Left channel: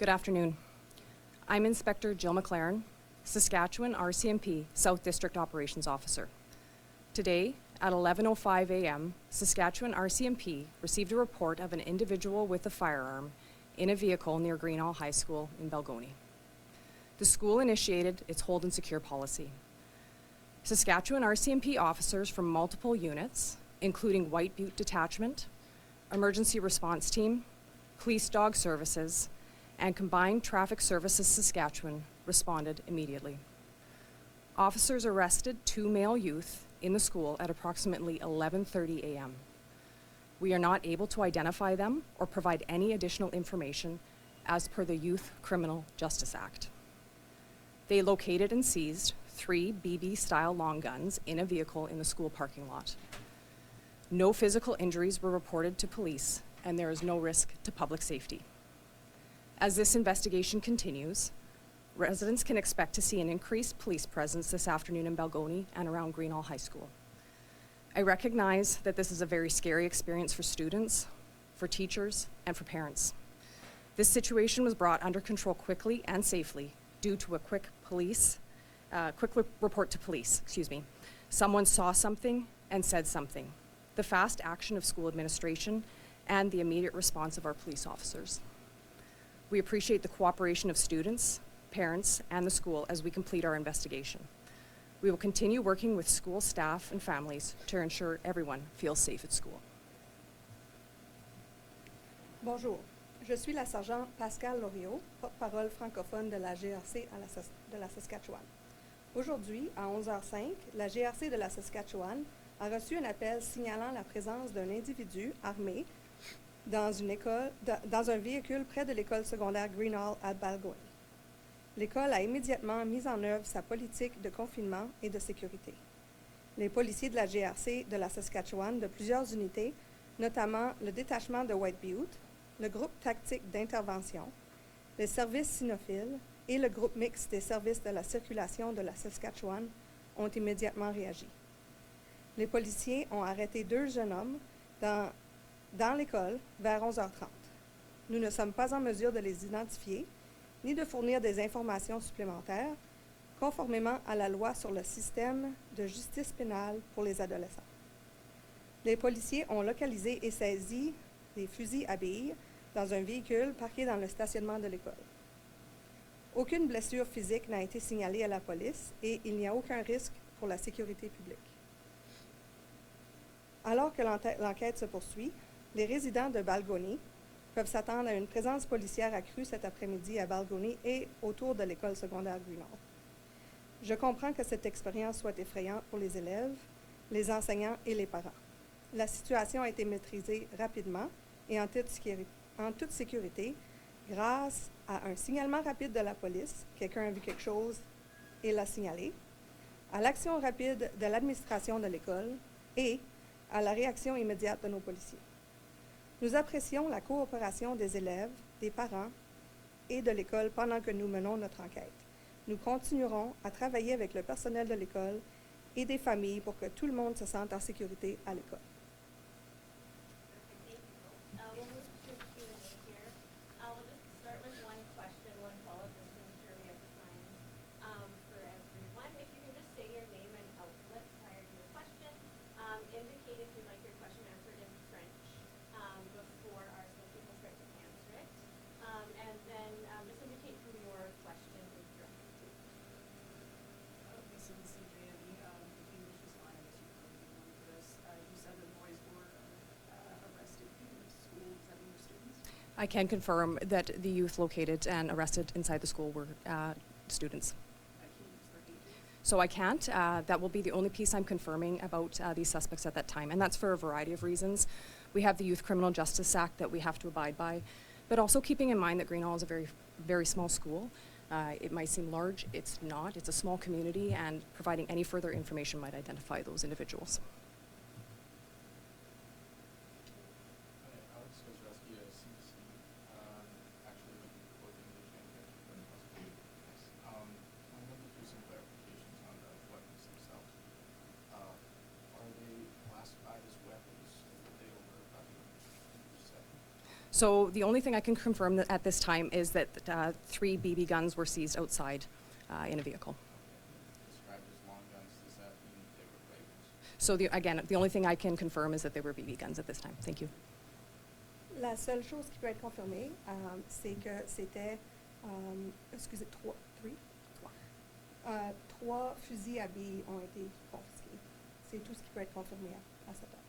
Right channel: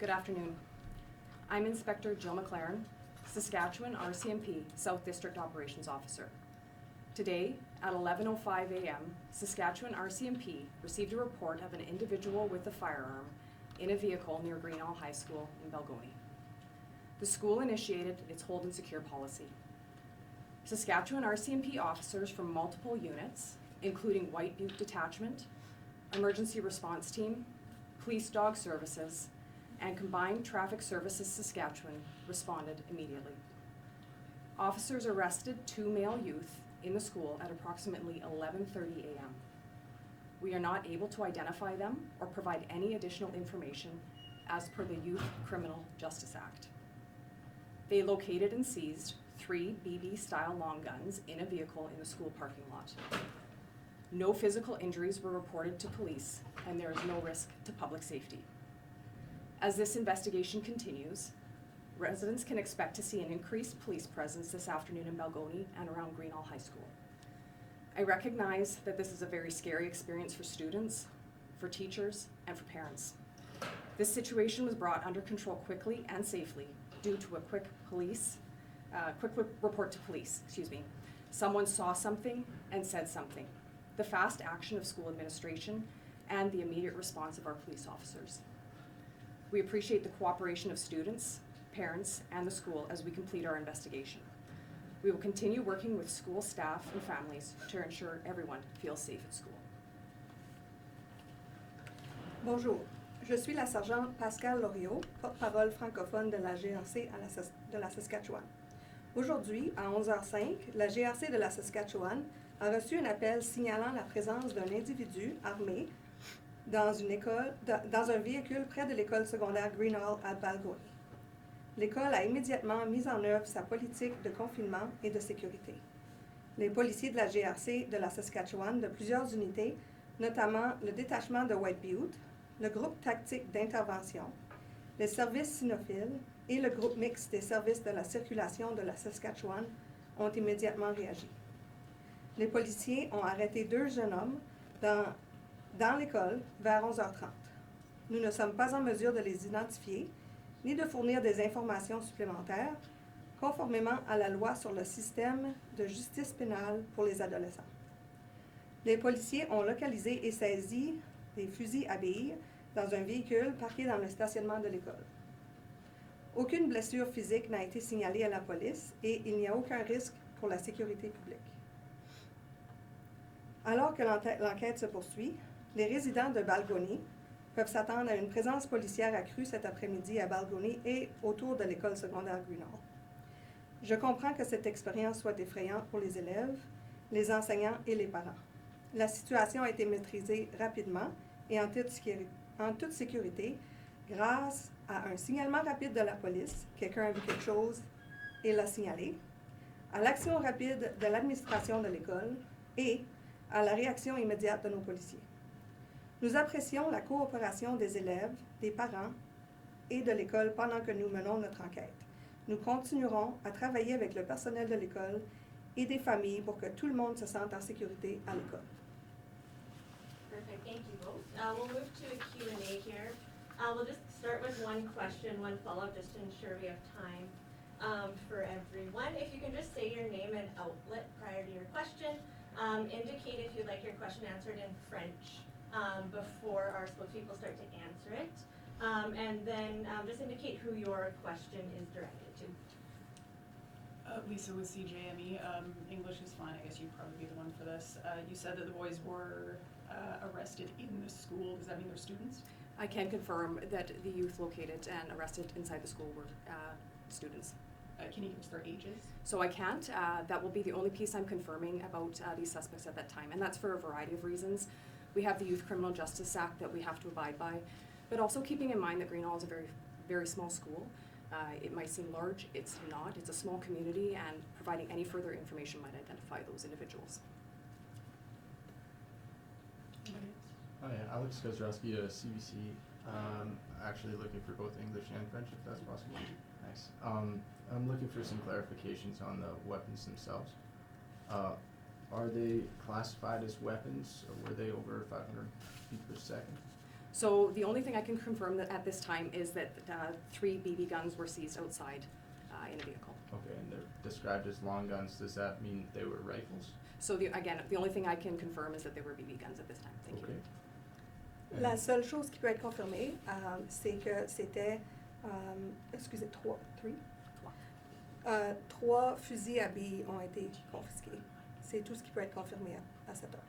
Good afternoon. I'm Inspector Jill McLaren, Saskatchewan RCMP South District Operations Officer. Today, at 11:05 a.m., Saskatchewan RCMP received a report of an individual with a firearm in a vehicle near Greenall High School in Balgonie. The school initiated its hold and secure policy. Saskatchewan RCMP officers from multiple units, including White Butte Detachment, Emergency Response Team, Police Dog Services, and Combined Traffic Services Saskatchewan responded immediately. Officers arrested 2 male youth in the school at approximately 11:30 a.m. We are not able to identify them or provide any additional information as per the Youth Criminal Justice Act. They located and seized 3 BB-style long guns in a vehicle in the school parking lot. No physical injuries were reported to police, and there is no risk to public safety. As this investigation continues, residents can expect to see an increased police presence this afternoon in Balgonie and around Greenall High School. I recognize that this is a very scary experience for students, for teachers, and for parents. This situation was brought under control quickly and safely due to a quick report to police, Someone saw something and said something. The fast action of school administration and the immediate response of our police officers. We appreciate the cooperation of students, parents, and the school as we complete our investigation. We will continue working with school staff and families to ensure everyone feels safe at school. Bonjour, je suis la sergente Pascal Loriot, porte-parole francophone de la GRC de la Saskatchewan. Aujourd'hui, à 11h05, la GRC de la Saskatchewan a reçu un appel signalant la présence d'un individu armé dans un véhicule près de l'école secondaire Greenall à Balgonie. L'école a immédiatement mis en œuvre sa politique de confinement et de sécurité. Les policiers de la GRC de la Saskatchewan de plusieurs unités, notamment le détachement de White Butte, le groupe tactique d'intervention, les services cynophiles et le groupe mixte des services de la circulation de la Saskatchewan ont immédiatement réagi. Les policiers ont arrêté 2 jeunes hommes dans l'école vers 11h30. Nous ne sommes pas en mesure de les identifier ni de fournir des informations supplémentaires conformément à la loi sur le système de justice pénale pour les adolescents. Les policiers ont localisé et saisi des fusils à billes dans un véhicule parqué dans le stationnement de l'école. Aucune blessure physique n'a été signalée à la police et il n'y a aucun risque pour la sécurité publique. Alors que l'enquête se poursuit, les résidents de Balgonie peuvent s'attendre à une présence policière accrue cet après-midi à Balgonie et autour de l'école secondaire Greenall. Je comprends que cette expérience soit effrayante pour les élèves, les enseignants et les parents. La situation a été maîtrisée rapidement et en toute sécurité grâce à un signalement rapide de la police, quelqu'un a vu quelque chose et l'a signalé, à l'action rapide de l'administration de l'école et à la réaction immédiate de nos policiers. Nous apprécions la coopération des élèves, des parents et de l'école pendant que nous menons notre enquête. Nous continuerons à travailler avec le personnel de l'école et des familles pour que tout le monde se sente en sécurité à l'école. Perfect, thank you both. We'll move to a Q&A here. We'll just start with one question, one follow-up, just to ensure we have time for everyone. If you can just say your name and outlet prior to your question. Indicate if you'd like your question answered in French before our spokespeople start to answer it. And then just indicate who your question is directed to. Lisa with CJME. English is fine. I guess you'd probably be the one for this. You said that the boys were arrested in the school. Does that mean they're students? I can confirm that the youth located and arrested inside the school were students. Can you give us their ages? So I can't. That will be the only piece I'm confirming about these suspects at that time, and that's for a variety of reasons. We have the Youth Criminal Justice Act that we have to abide by, but also keeping in mind that Greenall is a very, very small school. It might seem large, it's not. It's a small community, and providing any further information might identify those individuals. Oh yeah, Alex Kozrowski to CBC. Actually looking for both English and French, if that's possible. Nice. I'm looking for some clarifications on the weapons themselves. Are they classified as weapons, or were they over 500 feet per second? So the only thing I can confirm that at this time is that 3 BB guns were seized outside in a vehicle. Okay, and they're described as long guns. Does that mean they were rifles? So again, the only thing I can confirm is that they were BB guns at this time. Thank you. Okay. La seule chose qui peut être confirmée, c'est que c'était, excusez, trois fusils à billes ont été confisqués. C'est tout ce qui peut être confirmé à cette heure.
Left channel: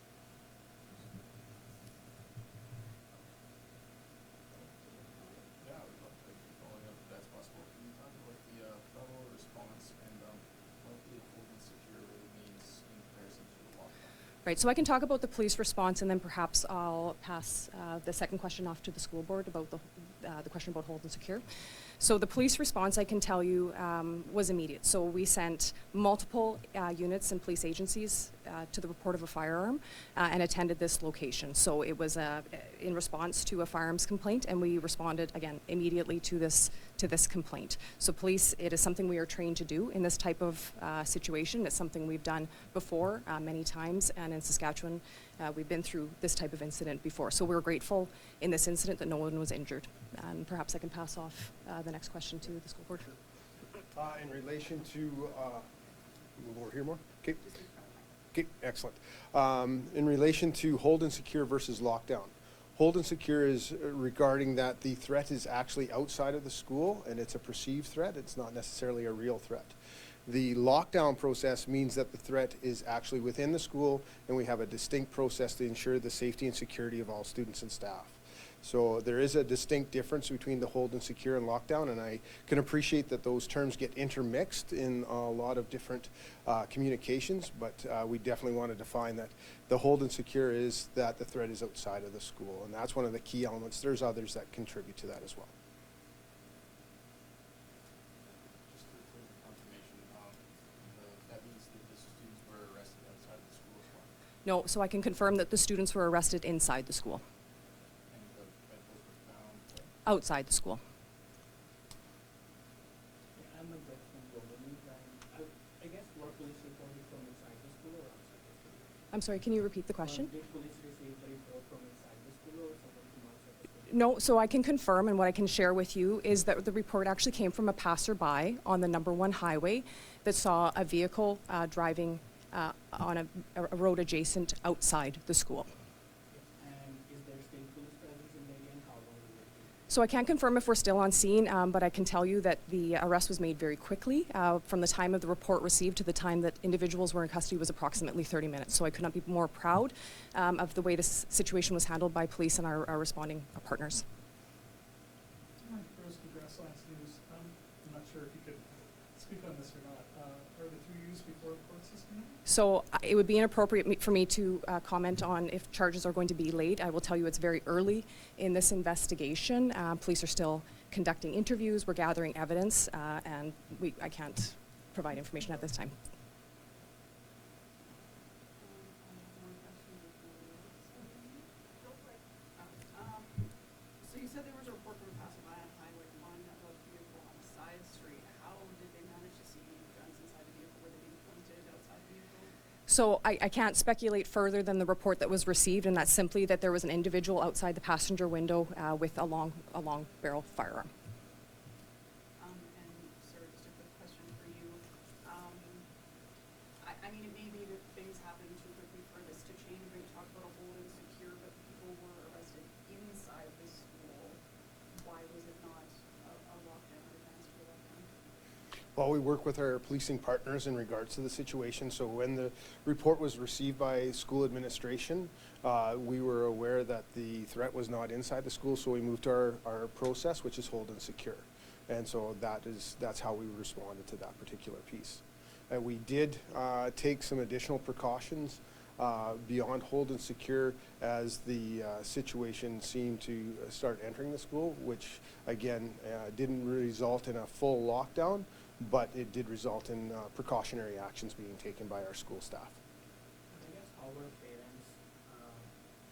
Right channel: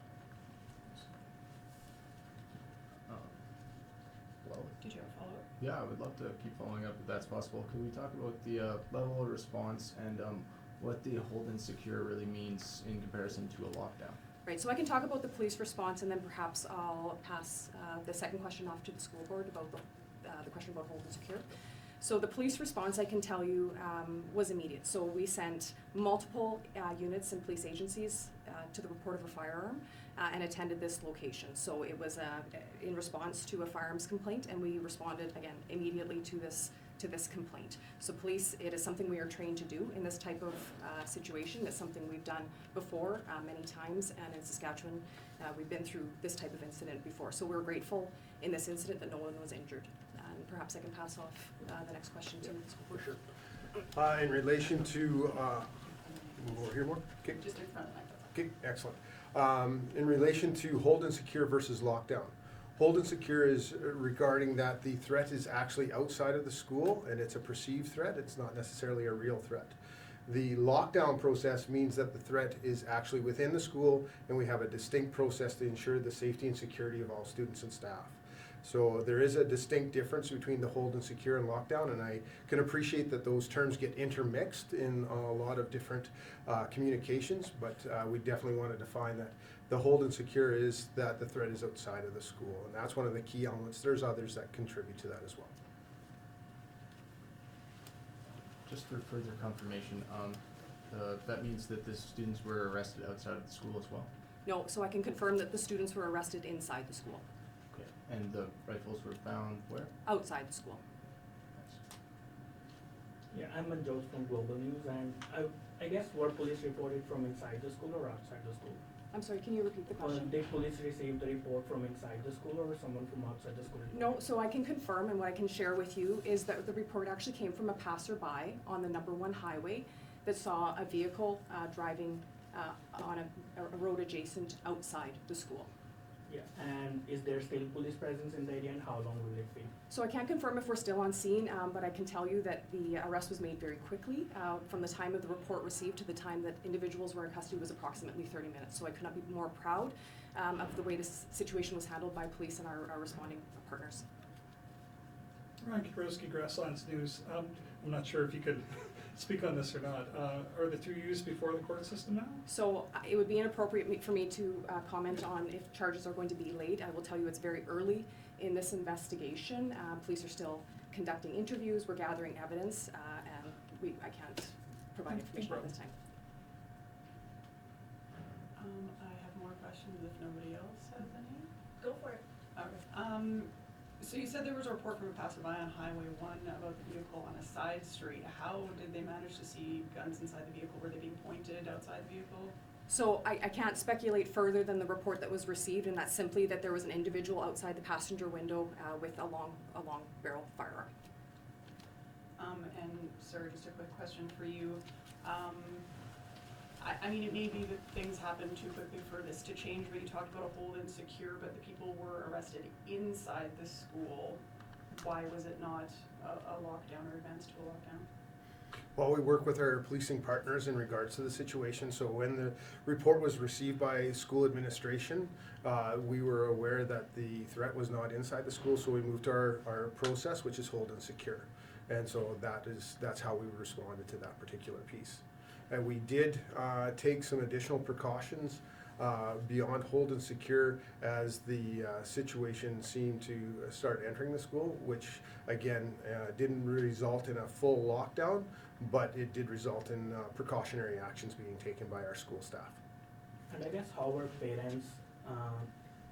Well, Did you have a follow-up? yeah, I would love to keep following up if that's possible. Can we talk about the level of response and what the hold and secure really means in comparison to a lockdown? Right, so I can talk about the police response, and then perhaps I'll pass the second question off to the school board about the question about hold and secure. So the police response, I can tell you, was immediate. So we sent multiple units and police agencies to the report of a firearm and attended this location. So it was in response to a firearms complaint, and we responded, again, immediately to this complaint. So police, it is something we are trained to do in this type of situation. It's something we've done before many times, and in Saskatchewan, we've been through this type of incident before. So we're grateful in this incident that no one was injured. And perhaps I can pass off the next question to the school board. In relation to, move over here more? Okay, Just in front of the microphone. okay, excellent. In relation to hold and secure versus lockdown. Hold and secure is regarding that the threat is actually outside of the school and it's a perceived threat. It's not necessarily a real threat. The lockdown process means that the threat is actually within the school and we have a distinct process to ensure the safety and security of all students and staff. So there is a distinct difference between the hold and secure and lockdown, and I can appreciate that those terms get intermixed in a lot of different communications, but we definitely want to define that the hold and secure is that the threat is outside of the school, and that's one of the key elements. There's others that contribute to that as well. Just for further confirmation, that means that the students were arrested outside of the school as well? No, so I can confirm that the students were arrested inside the school, Okay. And the rifles were found where? outside the school. Yeah, I'm Manjot from Global News, and I guess were police reported from inside the school or outside the school? I'm sorry, can you repeat the question? Did police receive the report from inside the school or someone from outside the school? No, so I can confirm, and what I can share with you is that the report actually came from a passerby on the number 1 highway that saw a vehicle driving on a road adjacent outside the school. Yeah, and is there still police presence in the area, and how long will it be? So I can't confirm if we're still on scene, but I can tell you that the arrest was made very quickly. From the time of the report received to the time that individuals were in custody was approximately 30 minutes. So I could not be more proud of the way this situation was handled by police and our responding partners. Ryan Kaprowski, Grasslands News. I'm not sure if you could speak on this or not. Are the 2 used before the court system now? So it would be inappropriate for me to comment on if charges are going to be laid. I will tell you it's very early in this investigation. Police are still conducting interviews, we're gathering evidence, and I can't provide information at this time. I have more questions if nobody else has any. Go for it. Okay. So you said there was a report from a passerby on Highway 1 about the vehicle on a side street. How did they manage to see guns inside the vehicle? Were they being pointed outside the vehicle? So I can't speculate further than the report that was received, and that's simply that there was an individual outside the passenger window with a long barrel firearm. And sir, just a quick question for you. I mean, it may be that things happen too quickly for this to change, but you talked about a hold and secure, but the people were arrested inside the school. Why was it not a lockdown or advanced to a lockdown? Well, we work with our policing partners in regards to the situation. So when the report was received by school administration, we were aware that the threat was not inside the school, so we moved to our process, which is hold and secure. And so that's how we responded to that particular piece. And we did take some additional precautions beyond hold and secure as the situation seemed to start entering the school, which again didn't result in a full lockdown, but it did result in precautionary actions being taken by our school staff. And I guess how were parents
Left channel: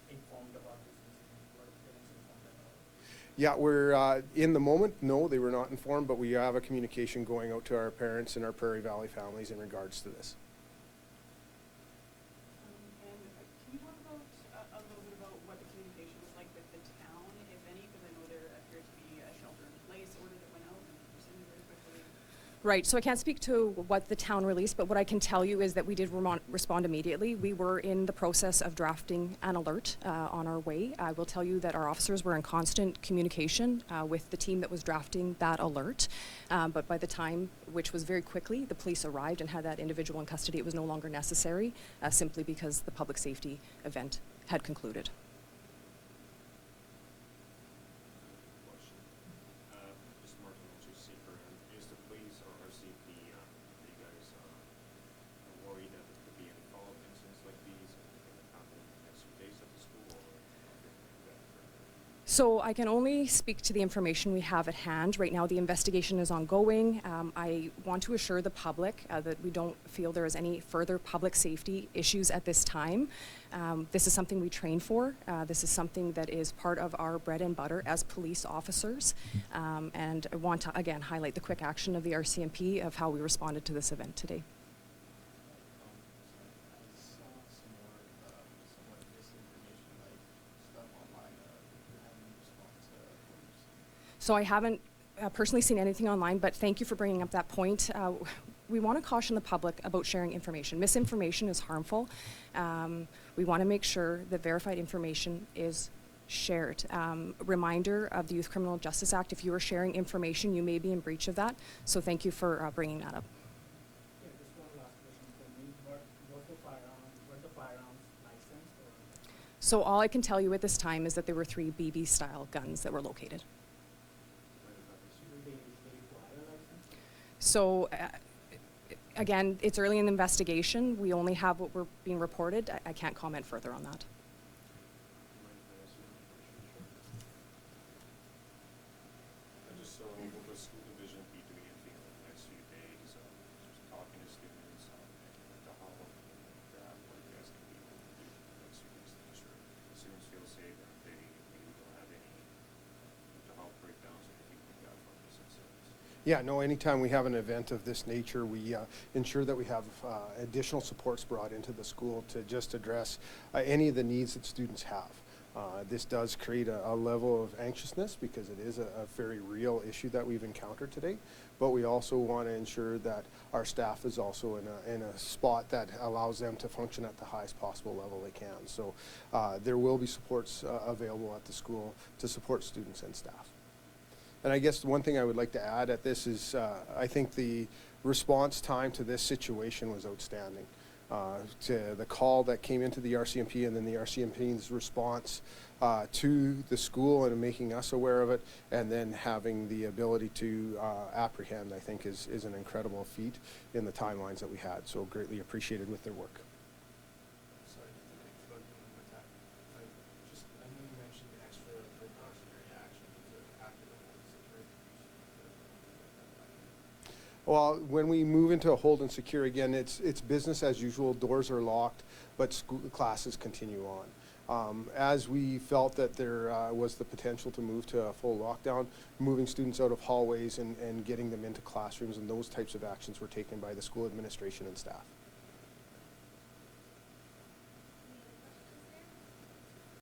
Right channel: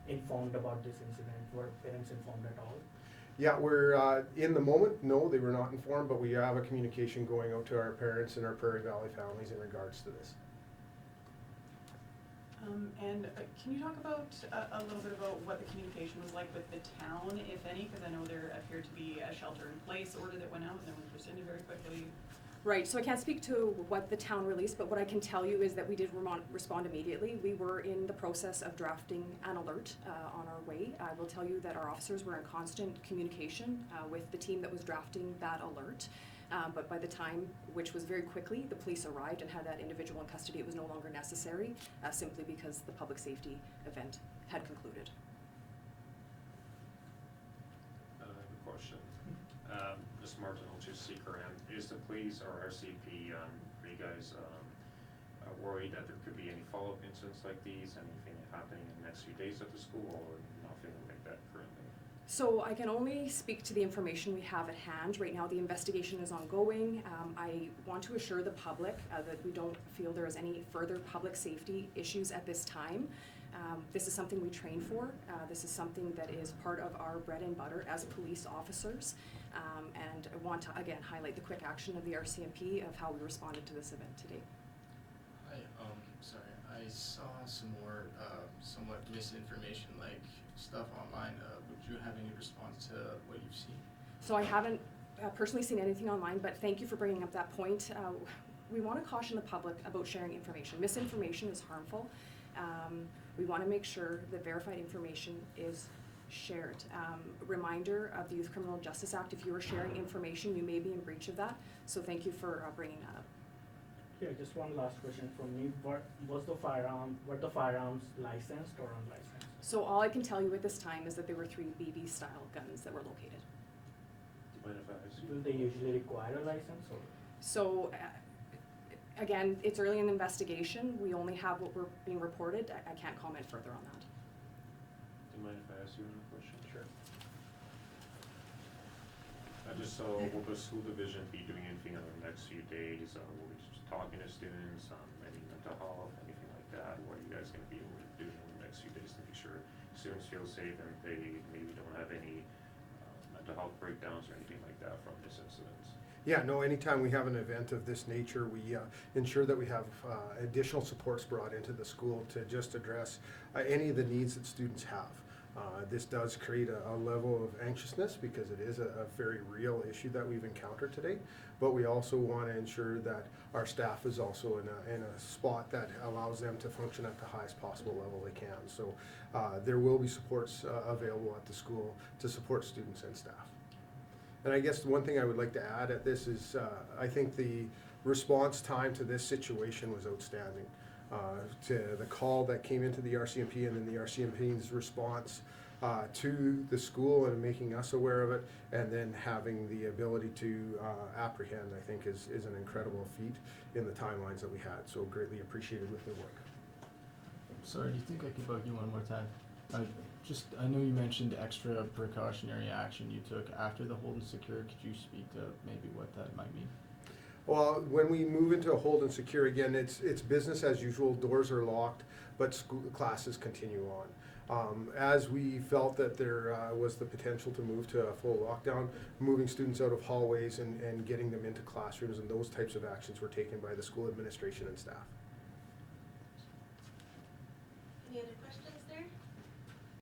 informed about this incident? Were parents informed at all? Yeah, we're in the moment, no, they were not informed, but we have a communication going out to our parents and our Prairie Valley families in regards to this. And can you talk about a little bit about what the communication was like with the town, if any? Because I know there appeared to be a shelter-in-place order that went out and then was rescinded very quickly. Right, so I can't speak to what the town released, but what I can tell you is that we did respond immediately. We were in the process of drafting an alert on our way. I will tell you that our officers were in constant communication with the team that was drafting that alert. But by the time, which was very quickly, the police arrived and had that individual in custody, it was no longer necessary, simply because the public safety event had concluded. Question. Ms. Martin, I'll just seek her in. Is the police or RCMP, are you guys worried that there could be any follow-up incidents like these, anything happening in the next few days at the school, or nothing like that currently? So I can only speak to the information we have at hand. Right now, the investigation is ongoing. I want to assure the public that we don't feel there is any further public safety issues at this time. This is something we train for. This is something that is part of our bread and butter as police officers. And I want to, again, highlight the quick action of the RCMP of how we responded to this event today. Sorry, I saw some more, somewhat misinformation, like stuff online. Would you have any response to what you've seen? So I haven't personally seen anything online, but thank you for bringing up that point. We want to caution the public about sharing information. Misinformation is harmful. We want to make sure that verified information is shared. Reminder of the Youth Criminal Justice Act, if you are sharing information, you may be in breach of that. So thank you for bringing that up. Yeah, just one last question from me. Were the firearms licensed or unlicensed? So all I can tell you at this time is that there were 3 BB-style guns that were located. Do they usually require a license? Or? So again, it's early in the investigation. We only have what we're being reported. I can't comment further on that. Do you mind if I ask you a question? Sure. Will the school division be doing anything in the next few days? Just talking to students, any mental health, anything like that? What are you guys going to be able to do in the next few days to make sure students feel safe and they maybe don't have any mental health breakdowns or anything like that from this incident? Yeah, no, anytime we have an event of this nature, we ensure that we have additional supports brought into the school to just address any of the needs that students have. This does create a level of anxiousness because it is a very real issue that we've encountered today, but we also want to ensure that our staff is also in a spot that allows them to function at the highest possible level they can. So there will be supports available at the school to support students and staff. And I guess the one thing I would like to add at this is I think the response time to this situation was outstanding. To the call that came into the RCMP and then the RCMP's response to the school and making us aware of it, and then having the ability to apprehend, I think is an incredible feat in the timelines that we had. So greatly appreciated with their work. Sorry, do you think I could bug you one more time? I know you mentioned extra precautionary action you took after the hold and secure. Could you speak to maybe what that might mean? Well, when we move into a hold and secure again, it's business as usual. Doors are locked, but school classes continue on. As we felt that there was the potential to move to a full lockdown, moving students out of hallways and getting them into classrooms, and those types of actions were taken by the school administration and staff.